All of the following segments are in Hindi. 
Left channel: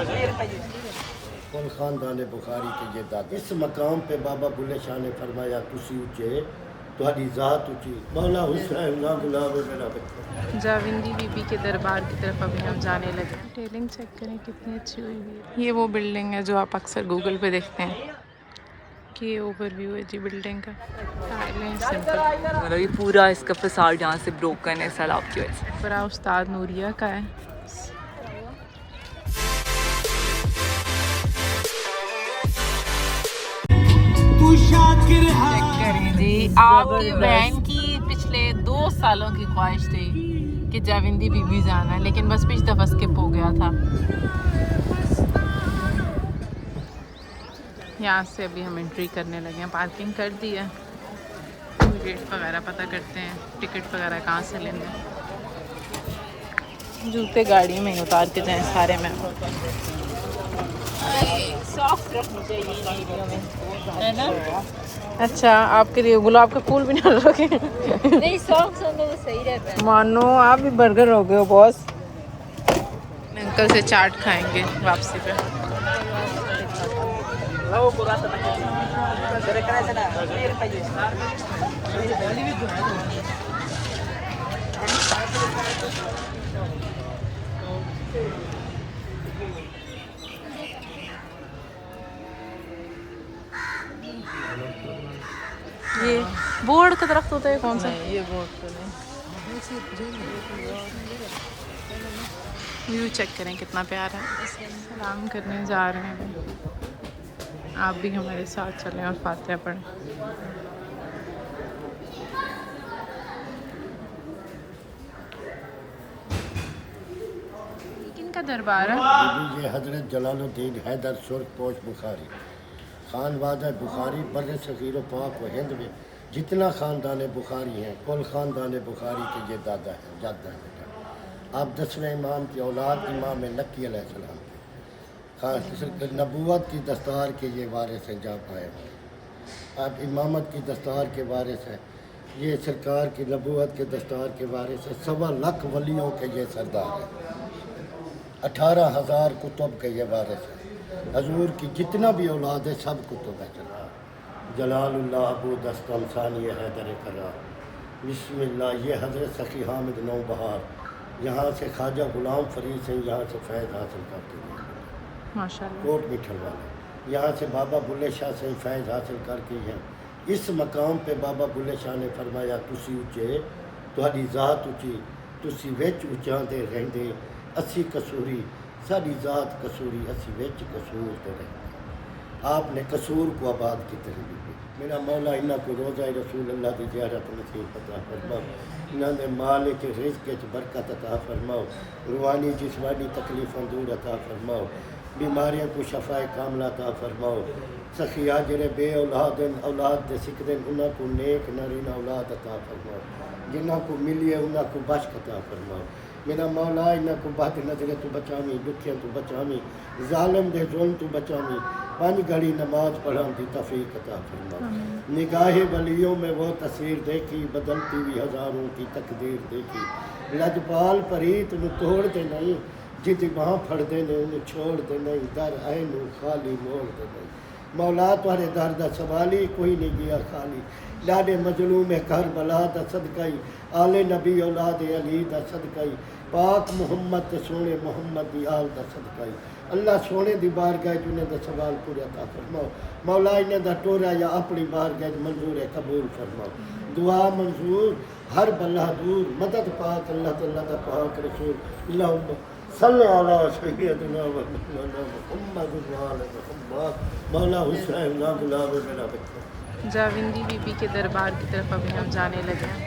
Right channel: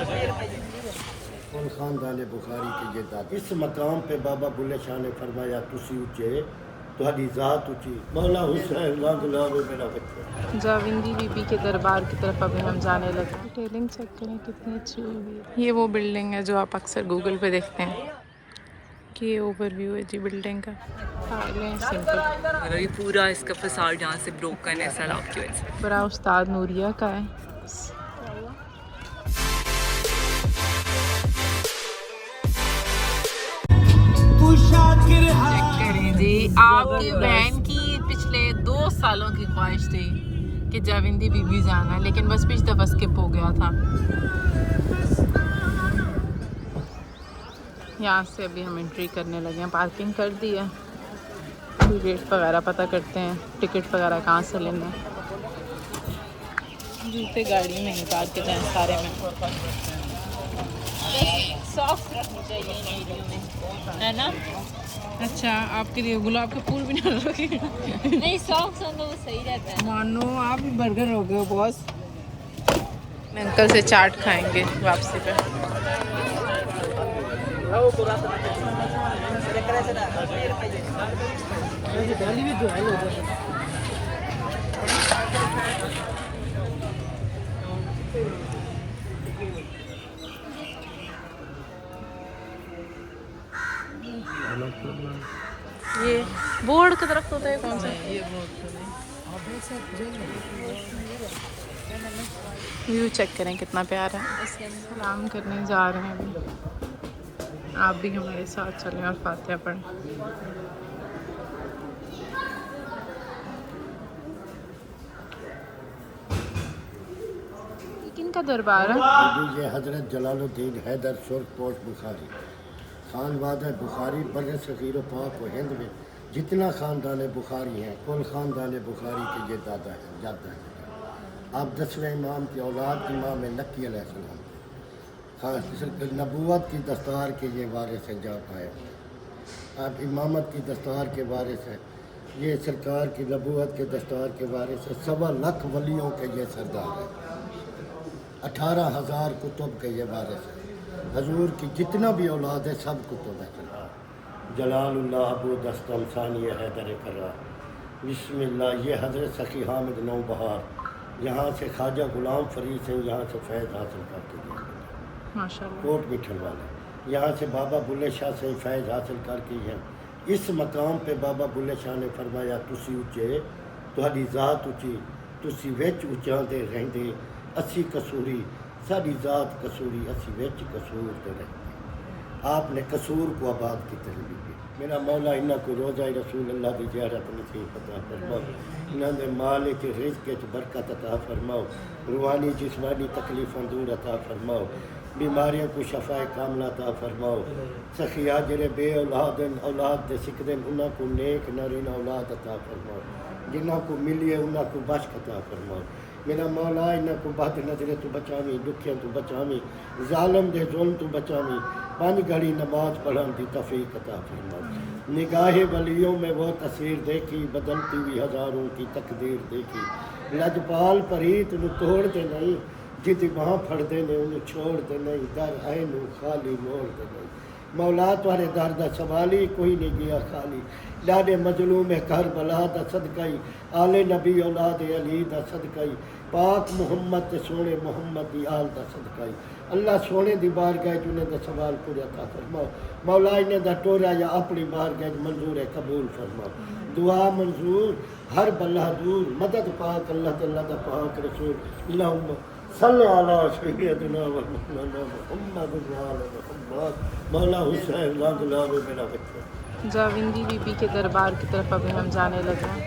कुल खानदान बुखारी के ये दादा इस मकाम पे बाबा बुल्ले शाह ने फरमाया तुसी उचे तुम्हारी ज़ात ऊँची मौला हुसैन मेरा बच्चा। जाविंदी बीबी के दरबार की तरफ अभी हम जाने लगे। डिटेलिंग चेक करें कितनी अच्छी हुई है। ये वो बिल्डिंग है जो आप अक्सर गूगल पे देखते हैं कि ये ओवरव्यू है जी बिल्डिंग का। टाइलें सिंपल। ये पूरा इसका फसाड यहाँ से ब्रोकन है सैलाब की वजह से। पूरा उस्ताद नूरिया का है। चेक करें जी, आपकी बहन की पिछले 2 सालों की ख्वाहिश थी कि जाविंदी बीबी जाना है, लेकिन बस पिछली दफ़ा स्किप हो गया था। यहाँ से अभी हम एंट्री करने लगे हैं। पार्किंग कर दी है। रेट वगैरह पता करते हैं, टिकट वगैरह कहाँ से लेना है। जूते गाड़ी में ही उतार के जाएं सारे में। सॉफ्ट रखनी चाहिए वीडियो में, है ना? अच्छा, आपके लिए गुलाब का फूल भी ना रखे। नहीं, सॉफ्ट में सही रहता है। मानो आप भी बर्गर हो गए हो बॉस। अंकल से चाट खाएंगे वापसी पे। ये बोर्ड का दरख्त होता है कौन सा? व्यू चेक करें कितना प्यारा है। सलाम करने जा रहे हैं अभी। आप भी हमारे साथ चलें और फातिहा पढ़ें। किनका दरबार है? ये हजरत जलालुद्दीन हैदर सुर्खपोश बुखारी खानवादा बुखारी बर सग़ीर व पाक व हिंद में जितना ख़ानदान बुखारी हैं कुल ख़ानदान बुखारी के ये दादा हैं जादा हैं। आप 10वें इमाम की औलाद इमाम नक्की अलैहिस्सलाम के नबूवत की दस्तार के ये वारिस हैं जा पाए। आप इमामत की दस्तार के वारिस हैं। ये सरकार की नबूवत के दस्तार के वारिस हैं। 1.25 लाख वलियों के ये सरदार हैं। 18,000 कुतुब के ये वारिस हैं। हजूर की जितना भी औलाद है सब कुतुब है। जलालुल्लाह अबू दस्तम सानी हैदर करा बिस्मिल्लाह। ये हज़रत सखी हामिद नौबहार यहाँ से ख्वाजा गुलाम फरीद से यहाँ से फैज़ हासिल करते हैं माशाल्लाह। कोट मिठल वाले यहाँ से बाबा बुल्ले शाह से फैज़ हासिल करके हैं। इस मकाम पे बाबा बुल्ले शाह ने फरमाया तुसी उचे तुम्हारी ज़ात ऊँची तुसी विच उचांदे रहंदे असी कसूरी साड़ी ज़ात कसूरी असी विच कसूर ते रहंदे। आपने कसूर को आबाद की तरह मेरा मौला इन्हों को रोज़ा रसूल अल्लाह की ज़ियारत नसीब अता फरमाओ। इन्होंने माल के रिज़्क़ च बरकत अता फरमाओ। रूहानी जिस्मानी तकलीफ़ों दूर अता फरमाओ। बीमारियों को शफ़ाए कामला अता फरमाओ। सखिया जरे बे औलाद औलाद दे सिकदन उन्हों को नेक नारीन औलाद अता फरमाओ। जिन्हों को मिली है उन्हों को बख्श अता फरमाओ। मेरा मौला इन्हों को बद नजरे तो बचावी दुखियों तो बचावी जालिम दे जुल्म तो बचावी 5 घड़ी नमाज पढ़ने की तौफीक अता फरमाओ। निगाहे वलियों में वो तस्वीर देखी बदलती हुई हज़ारों की तकदीर देखी। लजपाल परीत न तोड़ दे नहीं जिद बाँ फड़ दे ने उन्हें छोड़ दे नहीं दर आए नू खाली मोड़ दे नहीं। मौला तुहारे दर दा सवाल ही कोई नहीं गया खाली। लाडे मजलूम करबला दा सदकाई आले नबी औलाद अली दा सदकाई पाक मुहम्मद सोने मुहम्मद दी आल दा सदकाई अल्लाह सोने दी बारगाह चुने दा सवाल पूरा अता फरमाओ। मौला इन्हें दा टोरा या अपनी बारगाह मंजूर है कबूल फरमाओ। दुआ मंजूर हर बला दूर मदद पाक अल्लाह तआला दा पाक रसूल अल्लाहुम्मा सल्ले अला सय्यदना व मौलाना मुहम्मद व आले मुहम्मद। मौला हुसैन मेरा बच्चा। जाविंदी बीबी के दरबार की तरफ अभी हम जाने लगे हैं।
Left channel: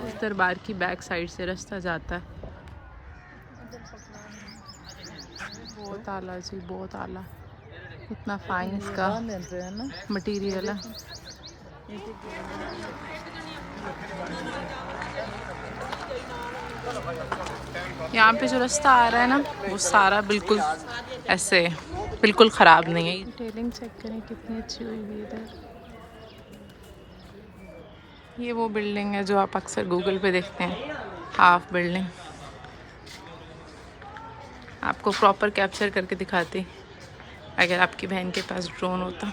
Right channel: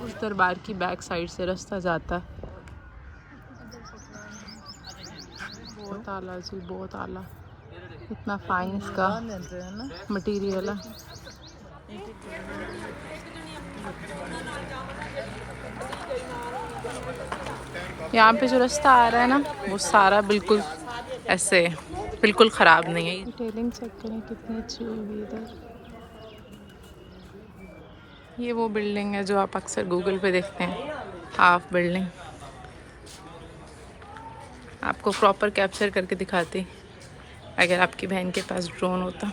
उस दरबार की बैक साइड से रास्ता जाता है। बहुत आला जी, बहुत आला। इतना फाइन इसका मटेरियल है। यहाँ पे जो रास्ता आ रहा है ना वो सारा बिल्कुल ऐसे बिल्कुल ख़राब नहीं है। डिटेलिंग चेक करें कितनी अच्छी हुई है इधर। ये वो बिल्डिंग है जो आप अक्सर गूगल पे देखते हैं, हाफ बिल्डिंग। आपको प्रॉपर कैप्चर करके दिखाती अगर आपकी बहन के पास ड्रोन होता।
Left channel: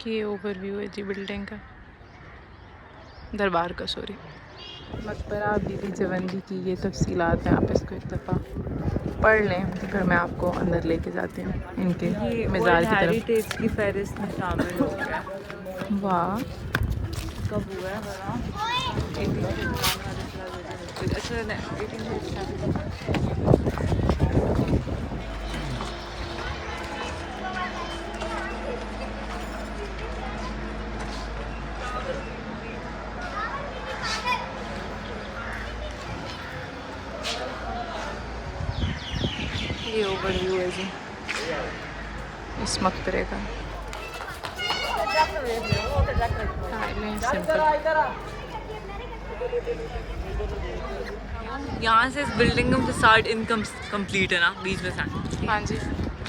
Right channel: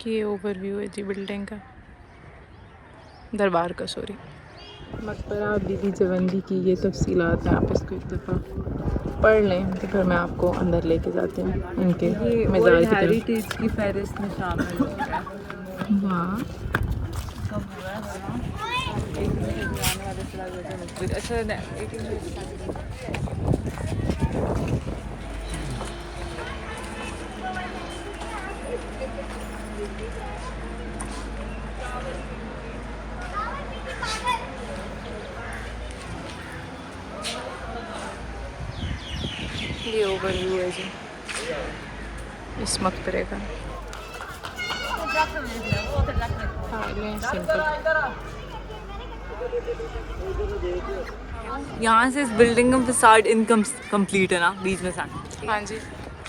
कि ओवरव्यू है जी बिल्डिंग का, दरबार का, सॉरी। मकबरा बीबी जवंदी की ये तफसीलात हैं, आप इसको एक दफ़ा पढ़ लें तो फिर मैं आपको अंदर लेके जाती हूँ इनके मज़ार की तरफ। की फहरिस्त में शामिल वाह, ये ओवरव्यू है जी इस मकबरे का। सिंपल। यहाँ से इस बिल्डिंग का मुझे 60 इनकम कंप्लीट है ना, बीच में से। हाँ जी,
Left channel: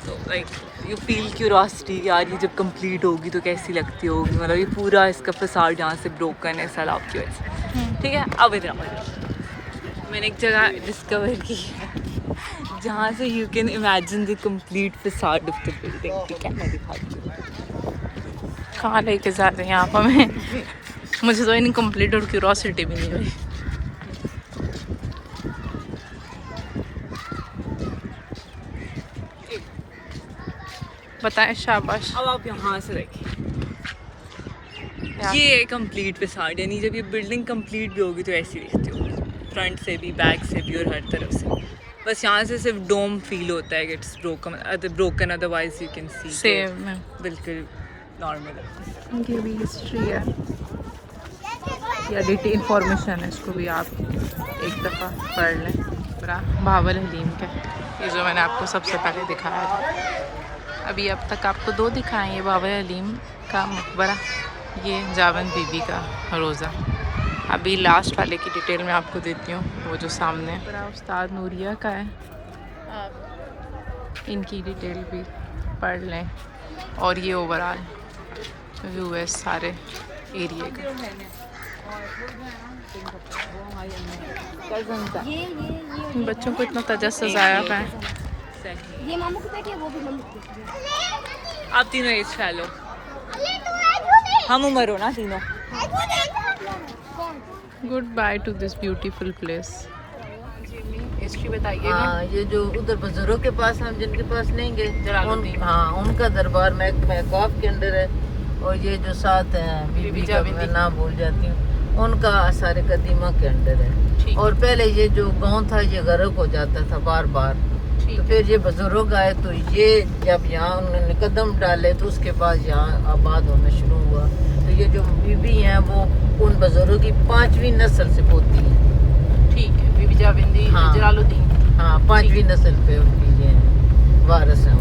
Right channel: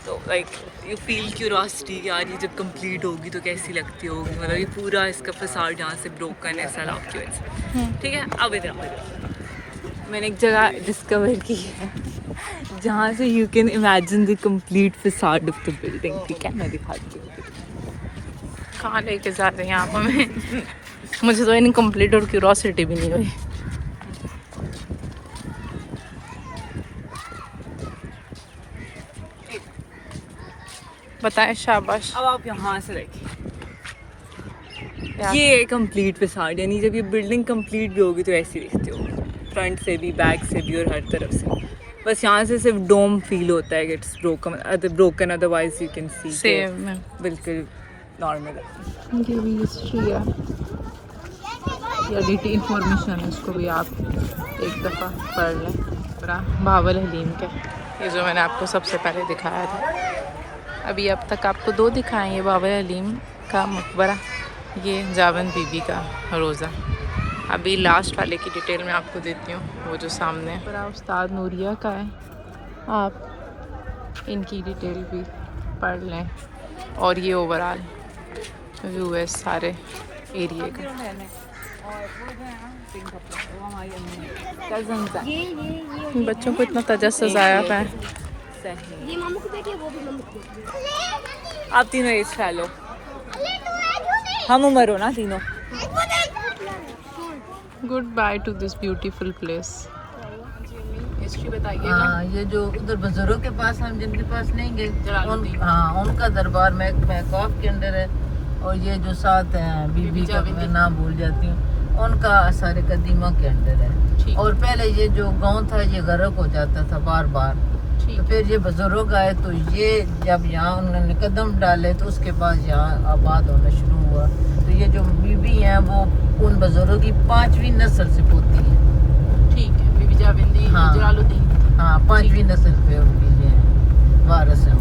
तो लाइक यू फील क्यूरोसिटी कि यार ये जब कंप्लीट होगी तो कैसी लगती होगी, मतलब ये पूरा इसका फसाड यहाँ से ब्रोकन है सैलाब की वजह से। ठीक है, अब इधर मैंने एक जगह डिस्कवर की है जहाँ से you can imagine the complete facade of the building. ठीक है, मैं दिखाती हूँ। कहाँ लेके जा रहे हैं आप हमें? मुझे तो इनकम्प्लीट और क्यूरोसिटी भी नहीं हुई। बताएं, शाबाश। अब आप यहाँ से देखिए, ये कंप्लीट फसाड, यानी जब ये बिल्डिंग कंप्लीट भी होगी तो ऐसी दिखती होगी, फ्रंट से भी, बैक से भी और हर तरफ से। बस यहाँ से सिर्फ डोम फील होता है, it's broken, otherwise you can see same बिल्कुल नॉर्मल है। ये भी हिस्ट्री है या डिटेल इंफॉर्मेशन है, इसको भी आप एक दफ़ा पढ़ लें। पूरा बाबल हलीम का, ये जो मैंने आपको सबसे पहले दिखाया था। अभी अब तक आपको 2 दिखाएं, ये बाबल हलीम का मकबरा, ये जावन बीबी का रोज़ा। अभी लास्ट वाले की डिटेल मैं आपको देती हूँ, वो जो सामने है पूरा उस्ताद नूरिया का है। आप इनकी डिटेल भी पढ़ लें और ये ओवरऑल व्यू है सारे एरिए का। बच्चों को इतना तजस्सुस आया है। ये मामू की बेटी है, वो भी मामू की बेटी है। आप तीनों एज फैलो, हम उम्र हो ना तीनों। Good by two this beautiful place. History बताइएगा। हाँ, ये जो उधर बुजुर्गों के पास हम जिनके पास नहीं गए, जलालुद्दीन। हाँ, उनका दरबार महकौफ के अंदर है। और ये जो साथ हैं बीबी का मैं नाम भूल जाती हूँ, उनका आसार कदीमा के अंदर है। और पहले ये जो गांव था ये गर्क हो जाता था बार बार। तो फिर ये बुजुर्ग आए तो ये जब यहाँ उन्होंने कदम डाले तो उसके बाद यहाँ आबाद होना शुरू हुआ। तो ये जो बीबी हैं वो उन बुजुर्गों की 5वीं नस्ल से पोती है। ठीक है, बीबी जाविंदी, हाँ। जलालुद्दीन। हाँ, 5वीं नस्ल पे उनकी ये वारिस हैं।